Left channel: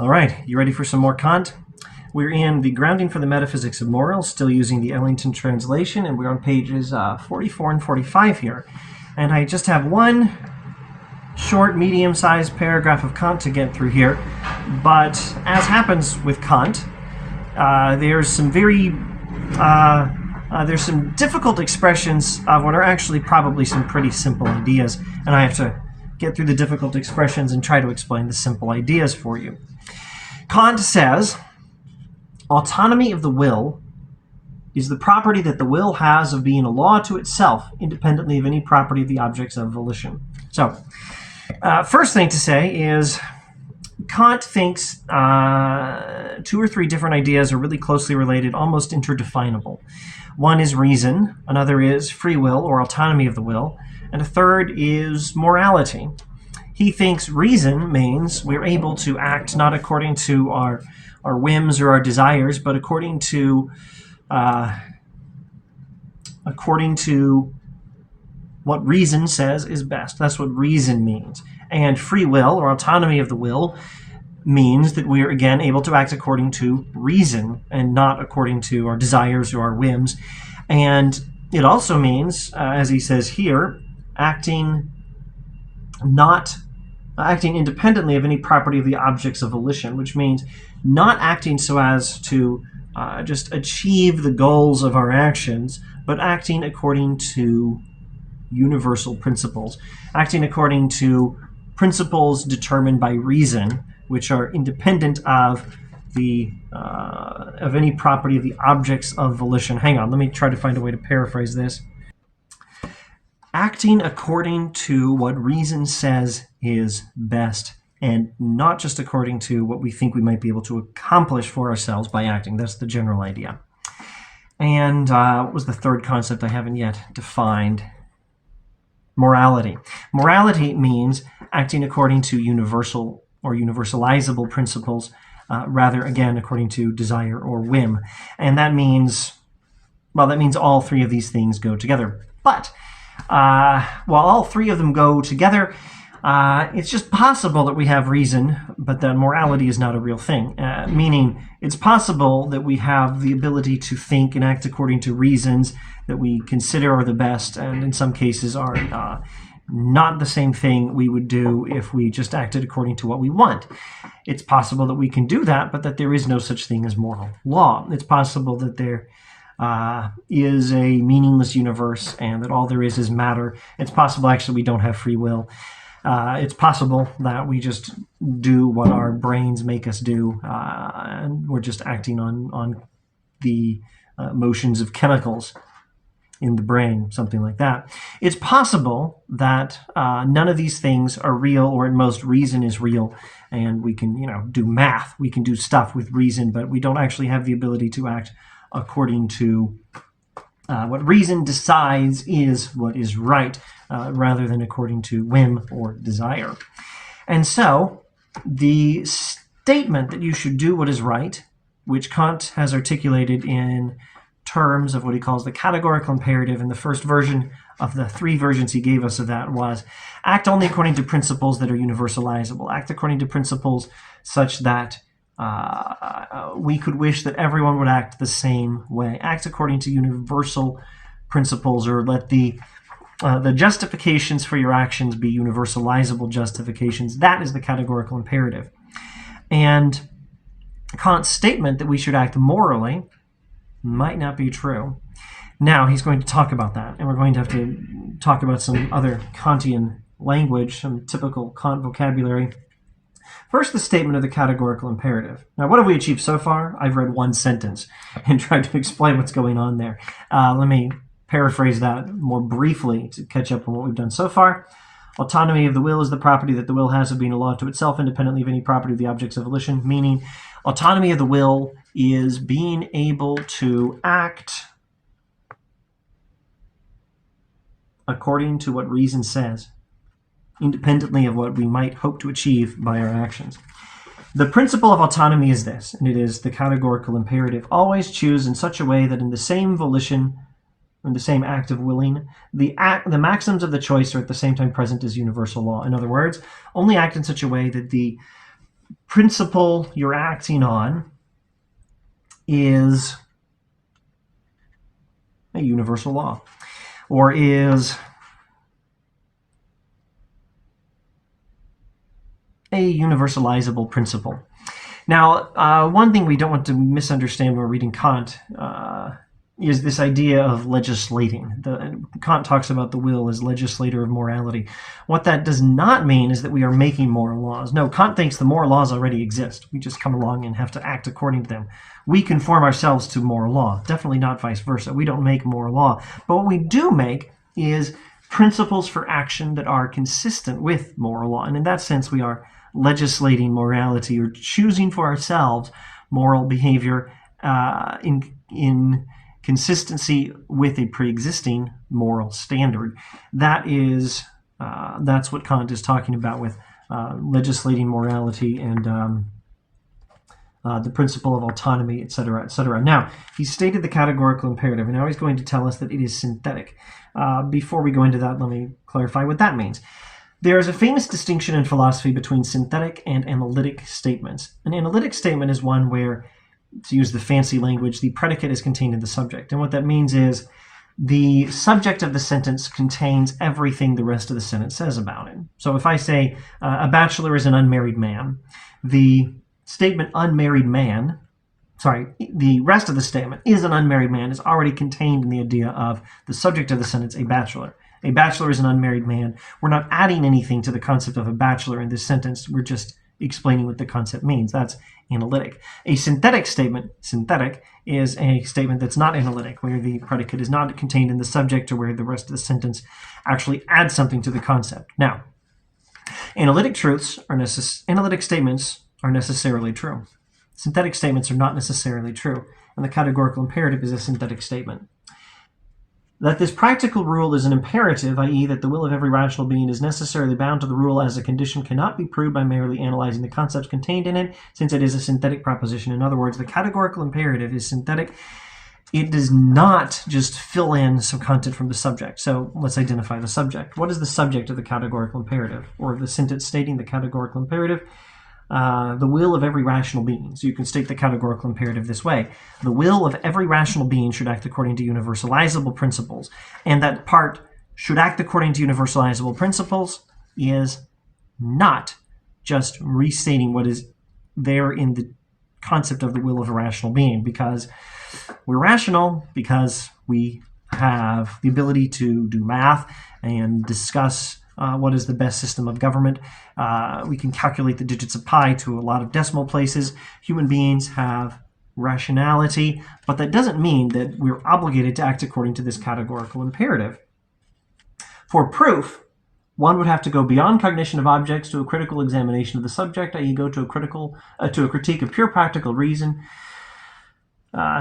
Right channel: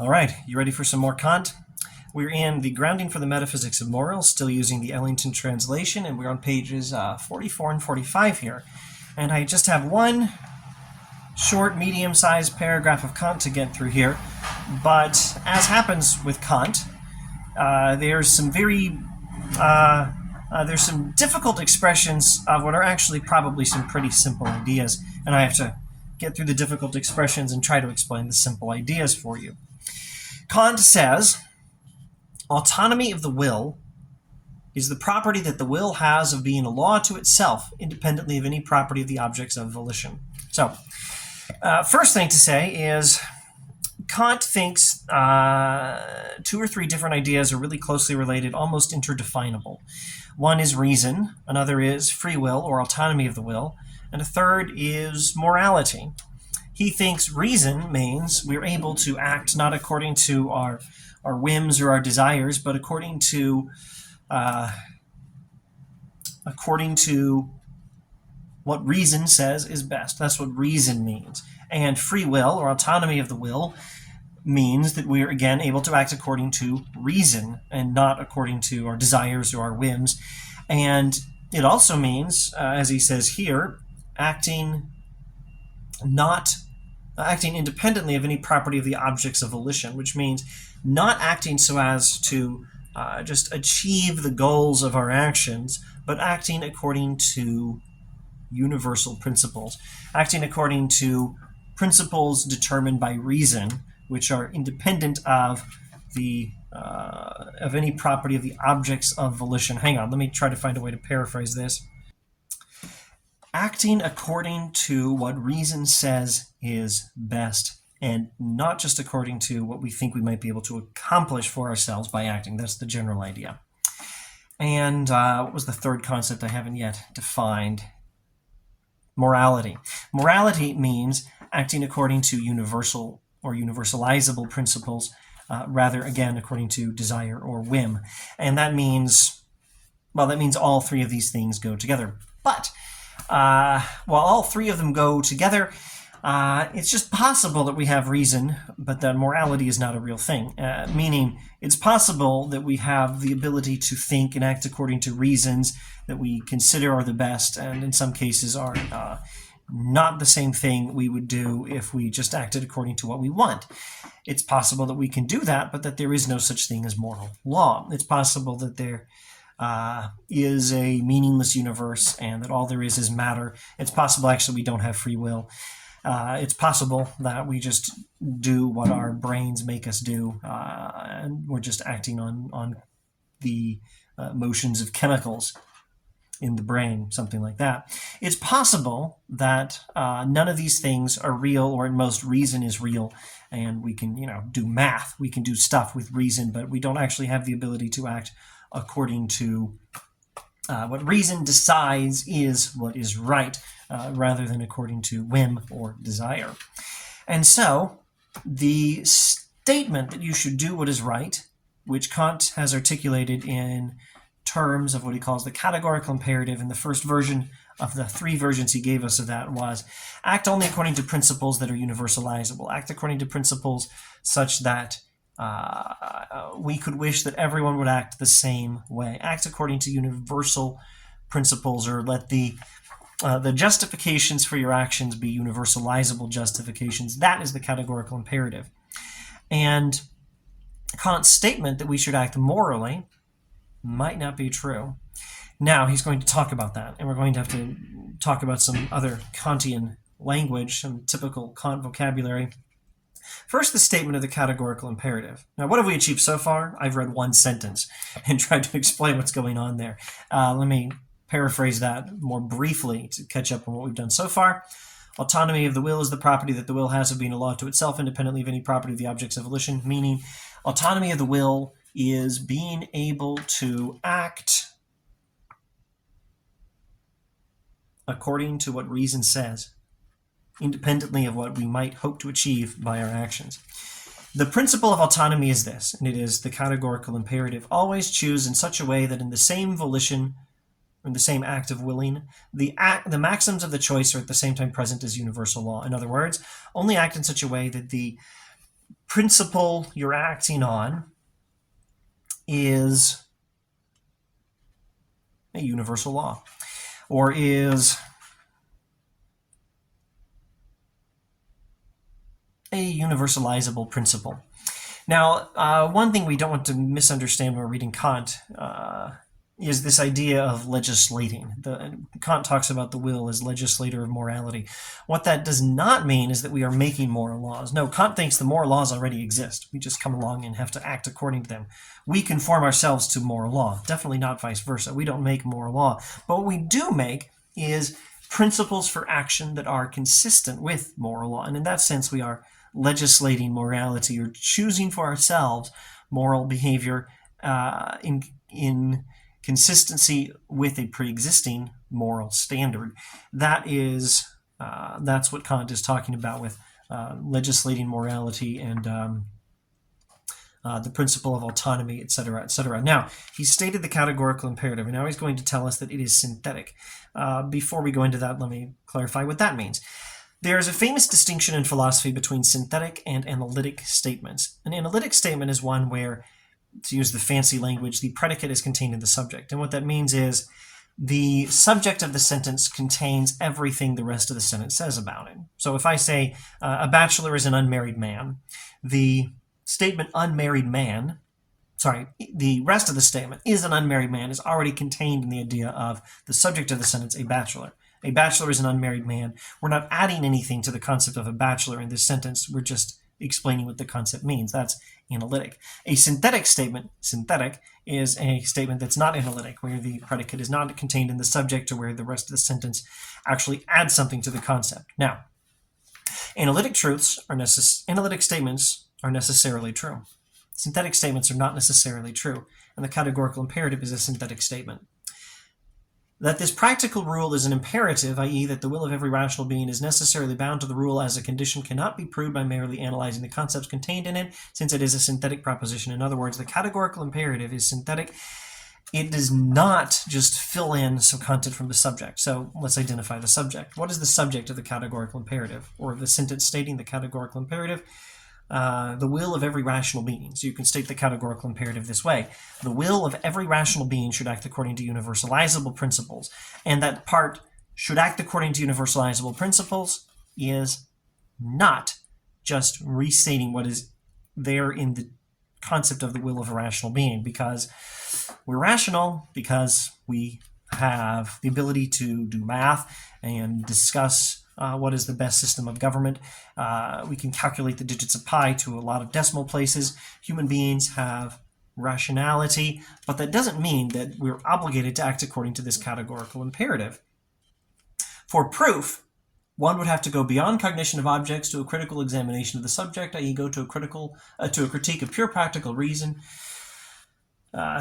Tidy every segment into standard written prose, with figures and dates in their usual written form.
All right, you ready for some more Kant? We're in the Grounding for the Metaphysics of Morals, still using the Ellington translation, and we're on pages 44 and 45 here. And I just have one short, medium-sized paragraph of Kant to get through here. But as happens with Kant, there's some difficult expressions of what are actually probably some pretty simple ideas, and I have to get through the difficult expressions and try to explain the simple ideas for you. Kant says, autonomy of the will is the property that the will has of being a law to itself, independently of any property of the objects of volition. So, first thing to say is Kant thinks two or three different ideas are really closely related, almost interdefinable. One is reason, another is free will or autonomy of the will, and a third is morality. He thinks reason means we're able to act not according to our whims or our desires, but according to what reason says is best. That's what reason means. And free will or autonomy of the will means that we are again able to act according to reason and not according to our desires or our whims. And it also means, as he says here, acting independently of any property of the objects of volition, which means not acting so as to just achieve the goals of our actions, but acting according to universal principles, acting according to principles determined by reason, which are independent of any property of the objects of volition. Hang on, let me try to find a way to paraphrase this. Acting according to what reason says is best, and not just according to what we think we might be able to accomplish for ourselves by acting. That's the general idea. And what was the third concept I haven't yet defined? Morality. Morality means acting according to universal or universalizable principles, rather, again, according to desire or whim. And that means all three of these things go together. But while all three of them go together, it's just possible that we have reason, but that morality is not a real thing. Meaning, it's possible that we have the ability to think and act according to reasons that we consider are the best, and in some cases are not the same thing we would do if we just acted according to what we want. It's possible that we can do that, but that there is no such thing as moral law. It's possible that there is a meaningless universe and that all there is matter. It's possible, actually, we don't have free will. It's possible that we just do what our brains make us do, and we're just acting on the motions of chemicals in the brain, something like that. It's possible that none of these things are real, or at most reason is real, and we can, do math. We can do stuff with reason, but we don't actually have the ability to act according to what reason decides is what is right, rather than according to whim or desire. And so, the statement that you should do what is right, which Kant has articulated in terms of what he calls the categorical imperative, and the first version of the three versions he gave us of that was act only according to principles that are universalizable. Act according to principles such that we could wish that everyone would act the same way. Act according to universal principles, or let the justifications for your actions be universalizable justifications. That is the categorical imperative. And Kant's statement that we should act morally might not be true. Now he's going to talk about that, and we're going to have to talk about some other Kantian language, some typical Kant vocabulary. First, the statement of the categorical imperative. Now, what have we achieved so far? I've read one sentence and tried to explain what's going on there. Let me paraphrase that more briefly to catch up on what we've done so far. Autonomy of the will is the property that the will has of being a law to itself, independently of any property of the objects of volition, meaning autonomy of the will is being able to act according to what reason says, independently of what we might hope to achieve by our actions. The principle of autonomy is this, and it is the categorical imperative. Always choose in such a way that in the same volition, in the same act of willing, the maxims of the choice are at the same time present as universal law. In other words, only act in such a way that the principle you're acting on is a universal law, or is a universalizable principle. Now, one thing we don't want to misunderstand when we're reading Kant is this idea of legislating. Kant talks about the will as legislator of morality. What that does not mean is that we are making moral laws. No, Kant thinks the moral laws already exist. We just come along and have to act according to them. We conform ourselves to moral law, definitely not vice versa. We don't make moral law. But what we do make is principles for action that are consistent with moral law. And in that sense, we are legislating morality, or choosing for ourselves moral behavior in consistency with a pre-existing moral standard. That's what Kant is talking about with legislating morality and the principle of autonomy, etc., etc. Now, he stated the categorical imperative, and now he's going to tell us that it is synthetic. Before we go into that, let me clarify what that means. There is a famous distinction in philosophy between synthetic and analytic statements. An analytic statement is one where, to use the fancy language, the predicate is contained in the subject. And what that means is the subject of the sentence contains everything the rest of the sentence says about it. So if I say, a bachelor is an unmarried man, the statement unmarried man, the rest of the statement is an unmarried man is already contained in the idea of the subject of the sentence, a bachelor. A bachelor is an unmarried man. We're not adding anything to the concept of a bachelor in this sentence. We're just explaining what the concept means. That's analytic. A synthetic statement, synthetic, is a statement that's not analytic, where the predicate is not contained in the subject or where the rest of the sentence actually adds something to the concept. Now, analytic statements are necessarily true. Synthetic statements are not necessarily true, and the categorical imperative is a synthetic statement. That this practical rule is an imperative, i.e. that the will of every rational being is necessarily bound to the rule as a condition, cannot be proved by merely analyzing the concepts contained in it, since it is a synthetic proposition. In other words, the categorical imperative is synthetic. It does not just fill in some content from the subject. So let's identify the subject. What is the subject of the categorical imperative, or the sentence stating the categorical imperative? The will of every rational being. So you can state the categorical imperative this way. The will of every rational being should act according to universalizable principles. And that part, should act according to universalizable principles, is not just restating what is there in the concept of the will of a rational being, because we're rational because we have the ability to do math and discuss what is the best system of government. We can calculate the digits of pi to a lot of decimal places. Human beings have rationality, but that doesn't mean that we're obligated to act according to this categorical imperative. For proof, one would have to go beyond cognition of objects to a critical examination of the subject, i.e. go to a critique of pure practical reason.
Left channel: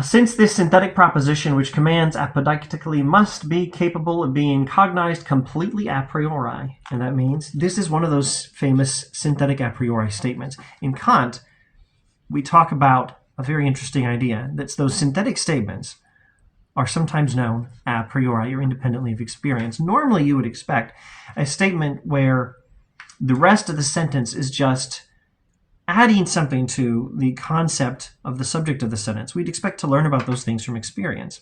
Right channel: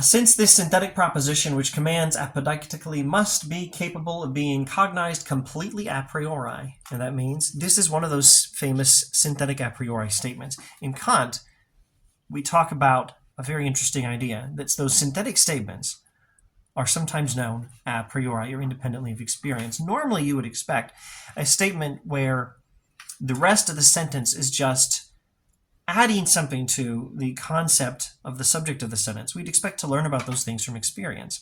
Since this synthetic proposition, which commands apodictically, must be capable of being cognized completely a priori, and that means this is one of those famous synthetic a priori statements. In Kant, we talk about a very interesting idea, that those synthetic statements are sometimes known a priori, or independently of experience. Normally, you would expect a statement where the rest of the sentence is just adding something to the concept of the subject of the sentence. We'd expect to learn about those things from experience.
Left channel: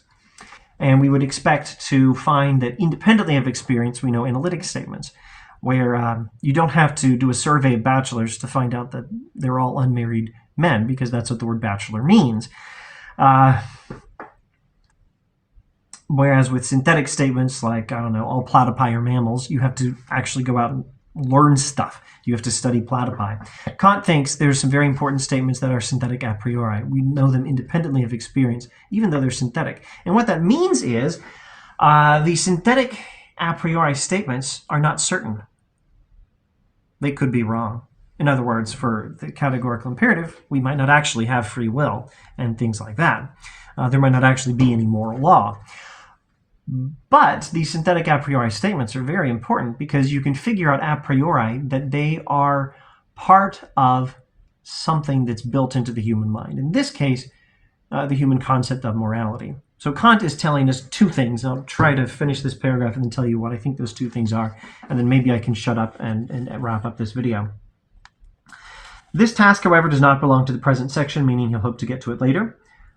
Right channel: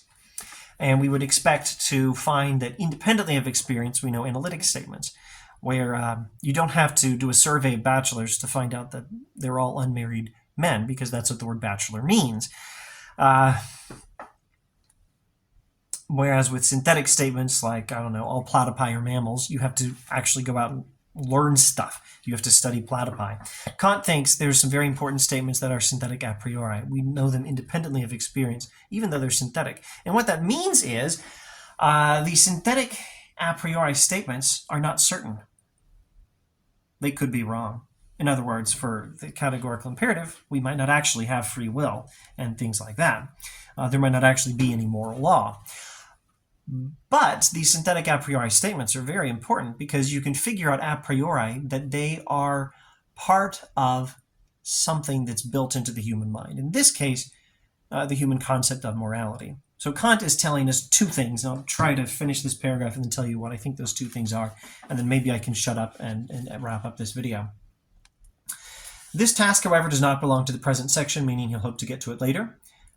And we would expect to find that independently of experience, we know analytic statements, where you don't have to do a survey of bachelors to find out that they're all unmarried men, because that's what the word bachelor means. Whereas with synthetic statements like, all platypi are mammals, you have to actually go out and learn stuff. You have to study platypi. Kant thinks there's some very important statements that are synthetic a priori. We know them independently of experience, even though they're synthetic. And what that means is the synthetic a priori statements are not certain. They could be wrong. In other words, for the categorical imperative, we might not actually have free will and things like that. There might not actually be any moral law. But these synthetic a priori statements are very important because you can figure out a priori that they are part of something that's built into the human mind. In this case, the human concept of morality. So Kant is telling us two things. I'll try to finish this paragraph and then tell you what I think those two things are, and then maybe I can shut up and wrap up this video. This task, however, does not belong to the present section, meaning he'll hope to get to it later.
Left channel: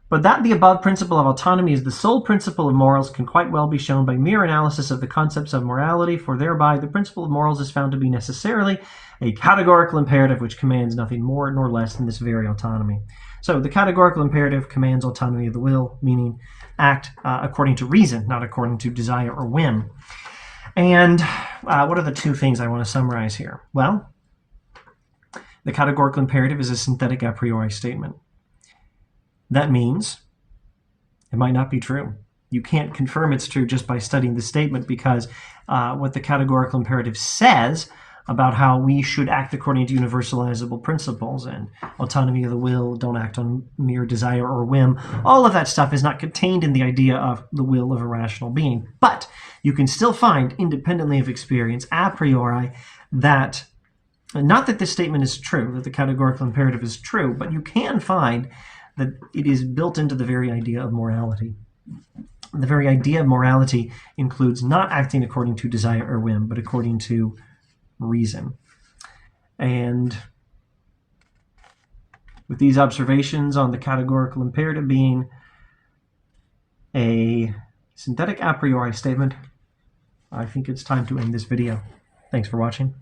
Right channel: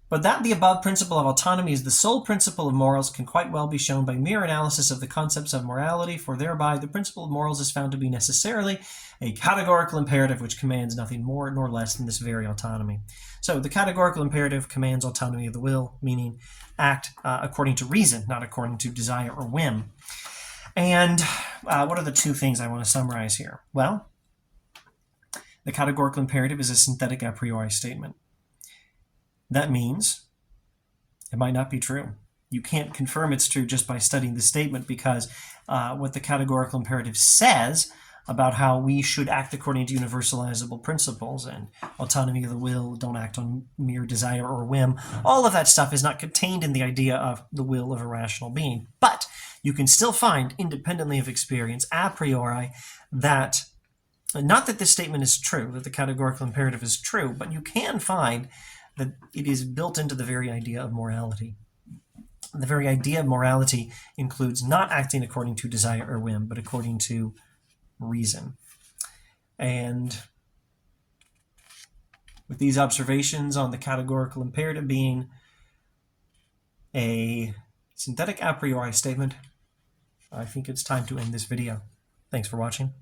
But that the above principle of autonomy is the sole principle of morals can quite well be shown by mere analysis of the concepts of morality, for thereby the principle of morals is found to be necessarily a categorical imperative which commands nothing more nor less than this very autonomy. So the categorical imperative commands autonomy of the will, meaning act according to reason, not according to desire or whim. And what are the two things I want to summarize here? Well, the categorical imperative is a synthetic a priori statement. That means it might not be true. You can't confirm it's true just by studying the statement, because what the categorical imperative says about how we should act according to universalizable principles and autonomy of the will, don't act on mere desire or whim, all of that stuff is not contained in the idea of the will of a rational being. But you can still find, independently of experience, a priori, that not that this statement is true, that the categorical imperative is true, but you can find that it is built into the very idea of morality. The very idea of morality includes not acting according to desire or whim, but according to reason. And with these observations on the categorical imperative being a synthetic a priori statement, I think it's time to end this video. Thanks for watching.